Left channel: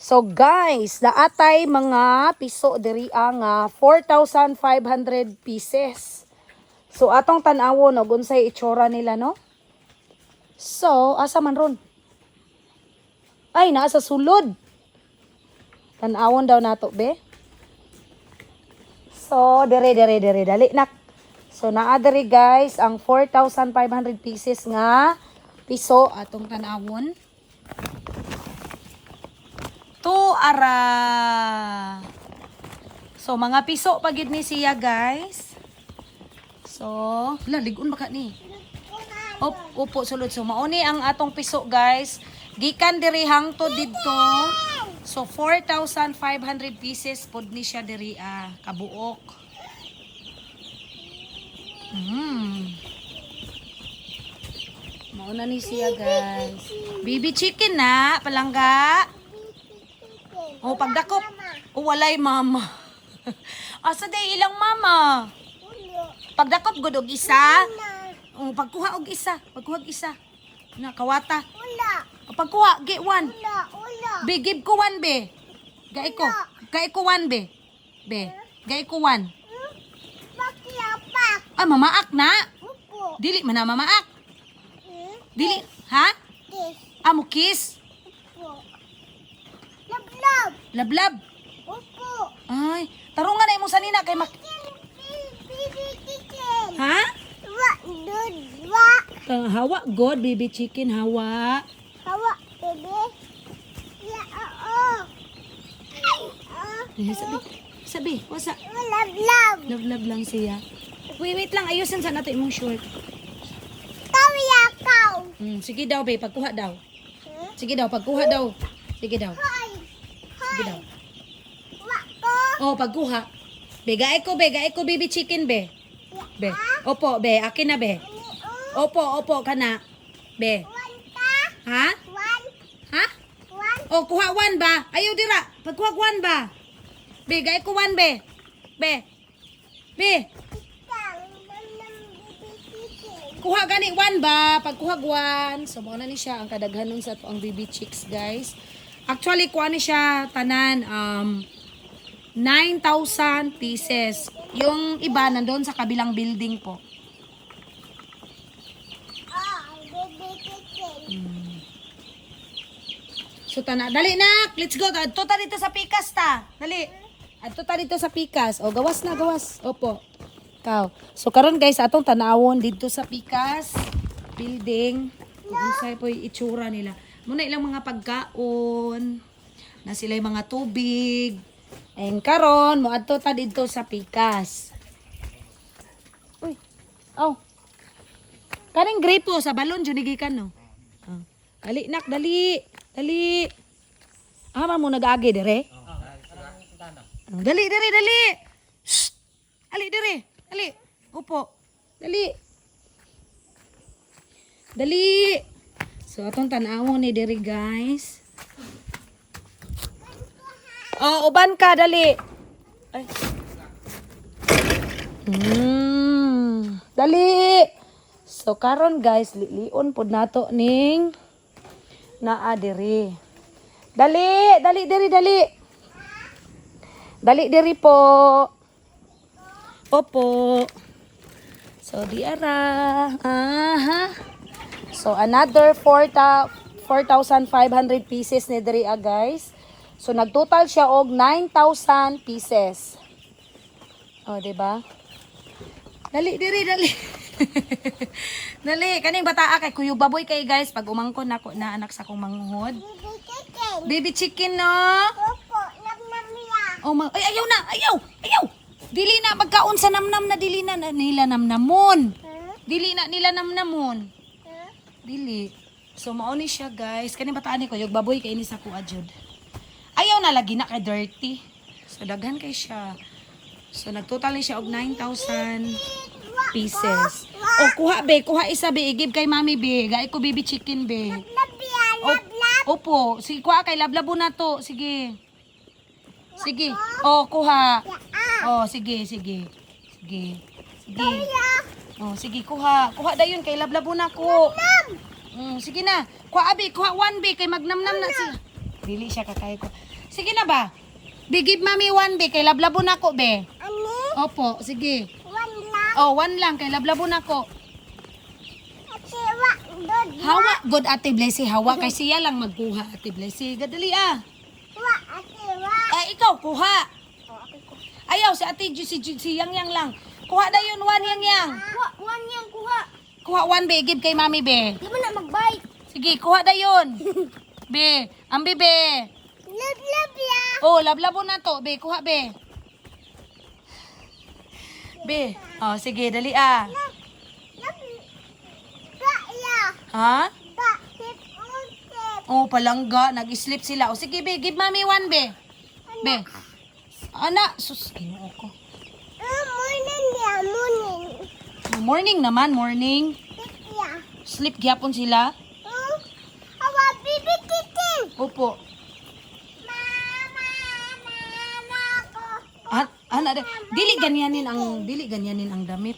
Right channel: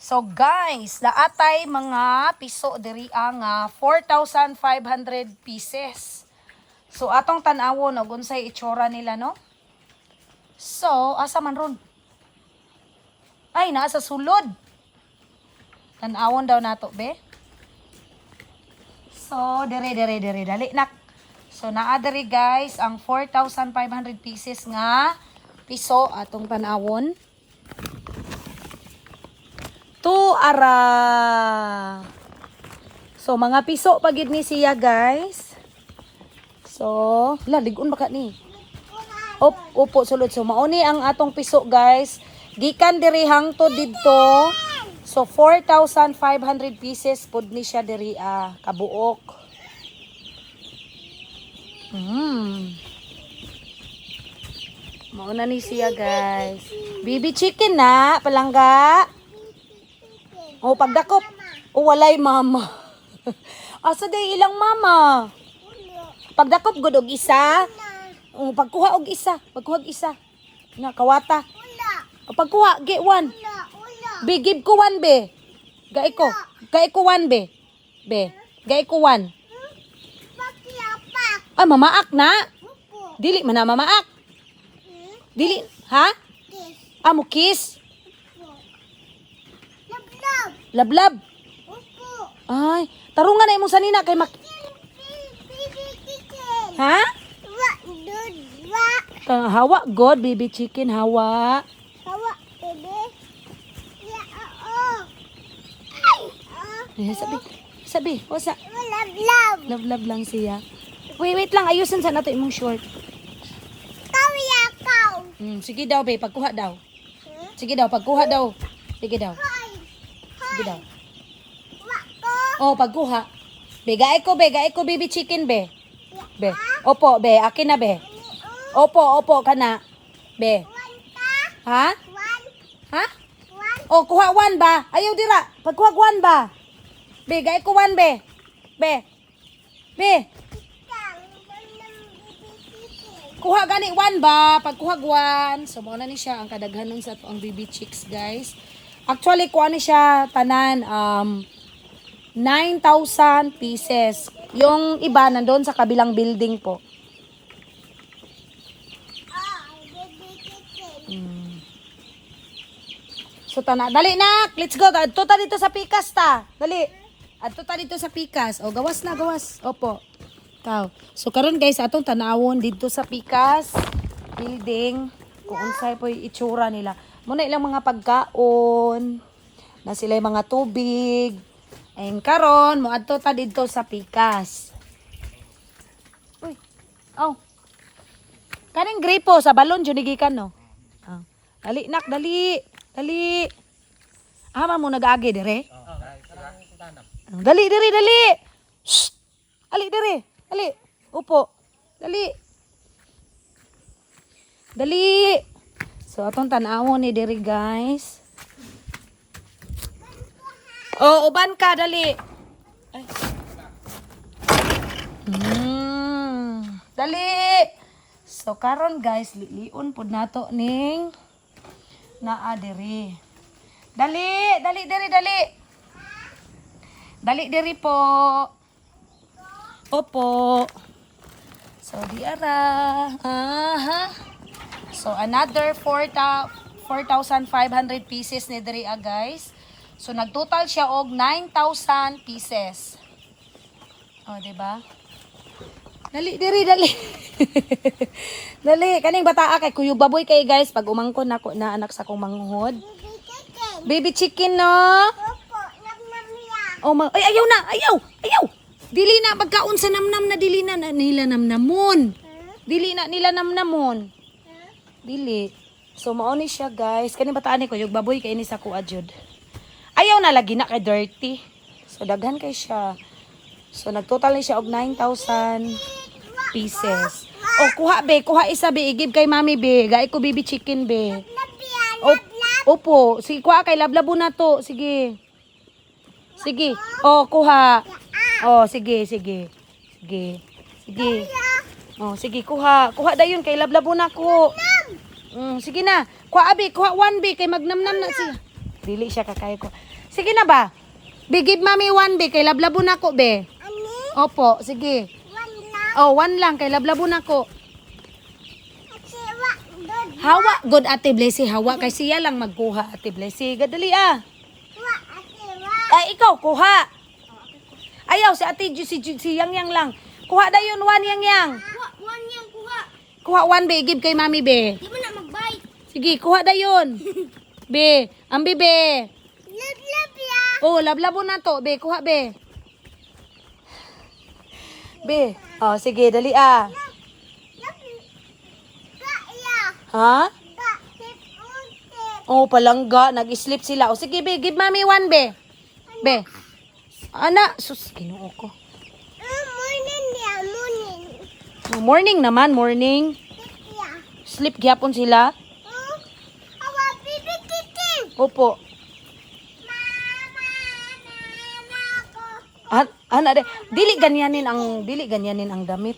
So guys, naatay mga piso diri nga 4,500 pieces. So atong tan-awon og unsay itsura nila, no? So, asa man ron? Ay, naa sa sulod. Tan-awon daw nato, be. So, dere dali nak. So naa diri guys ang 4,500 pieces nga piso atong tan-awon. Ara. So mga piso pagid ni siya guys. So, ligon baka ni. Upo sulod. So mauni ang atong piso guys. Gikan diri hangtod didto. So 4,500 pieces pud ni siya diri kabuok. Mauna ni siya guys. Baby chicken na, palangga. Oh, pagdakop. Oh, walay mama. Asa di ilang mama? Pagdakop gud og isa. Oh, pagkuha og isa. Pagkuha og isa. Na kawata. O pagkuha, get one. Be, give ko one, be. Gai ko. Gai ko one, be. Be. Gai ko one. Ah, mamaak na. Dili man na mamaak. Dili, ha? Ah, mo kiss. Lablab. Ay, tarungan na imong sanina kay mak. Ha? Hawa god, baby chicken, hawa. Sabi, wasa. Love lang siya. Wait lang, ayusin sa natin yung short. Sige daw, be, pagkuha daw. Sige daw, pagkuha daw. Sige daw. Sige daw. Oh, pagkuha. Be, gae ko, baby chicken, be. Be. Opo, be, akin na, be. Opo, kana. Be. Ha? Ha? Oh, kuha one ba? Ayaw dira. Pagkuha one ba? Be, gae ko one, be. Be. Be. Kuha gani one ba? Pagkuha one. So, muna ni siya ang kadaghanon sa ang baby chicks, guys. Actually, kuha ni siya tanan 9,000 pieces. Yung iba nandoon sa kabilang building po. So, dali na. Let's go. Adto ta dito sa pikas ta. Dali. Adto ta dito sa pikas. O, gawas na, gawas. Opo. So karon guys atong tanawon dito sa pikas building kung unsay po yung itsura nila. Muna ilang mga pagkaon na sila yung mga tubig. And karon mo adto ta dito sa pikas. Oh. Kaning gripo sa balon jud gikan no. Dali nak, dali. Dali. Ama mo nag-agi dire? Dali. Shh. Dali dire. Dali. Upo. Dali. So, atong tanawon ni diri guys. Oh, uban ka. Dali. Ay. Dali. So, karon guys, lion pod nato ning naa diri. Dali. Dali diri po. Opo. So, diara. So, another 4,500 pieces ni diri guys. So, nagtotal siya og 9,000 pieces. O, diba? Dali. Dali. Kaning bataa kay Kuya Baboy kay guys. Pag umangkon ako na anak sa kong manghod. Baby chicken, no? Oh, ay, ayaw na. Ayaw. Dili na magkaon sa namnam na dili na nila namnamon. Dili na nila namnamon. Dili. So mao ni siya guys. Kani bataan ni ko yung baboy kay ini sa kuha jud. Ayaw na lagi na kay dirty. So daghan kay siya. So nagtotal ni siya og 9,000 pieces. Oh kuha be, kuha isa be, igib kay mami be. Gai ko baby chicken be. Opo, sige kuha kay lablabo na to. Sige. Oh kuha. Oh, sige. Oh, sige, kuha. Kuha dayon kay lablabo na ko. Sige na. Kuha abi, kuha one be kay magnamnam na siya. dili siya kakayo ko. Sige na ba? Be, give mami 1 be, kay lablabo na ko be. Ani? Opo, sige. 1 lang. Oh, 1 lang, kay lablabo na ko. Ate, wa, dod. Hawa, good Ate Blessy, hawa, kay siya lang magkuha, Ate Blessy. Gadali ah. Wa, ate, wa. Ay, ikaw, kuha. Oh, ako ko. Ayaw, si Ate si Yang Yang lang. Kuha na yun, 1 Yang Yang. Wa, 1 yang kuha. Kuha 1 be, give kay mami be. Di mo na mag-bite. Sige, kuha na yun. Be, ambi be. Love ya. Oh, lablabo na to, be, kuha be. Be, oh, sige, dali ah. Love. Ga ya. Ha? Ga, tip, tip. Oh, palangga, nag-sleep sila. Oh, sige, be, give mami 1 be. Be. Ana, sus, kinuha ko. Morning ya, morning. Morning naman, morning. Tip ya. Sleep gyapon sila. Awa, bibi titin. Opo. Mama ko. Ana de, dili ganyanin ang damit.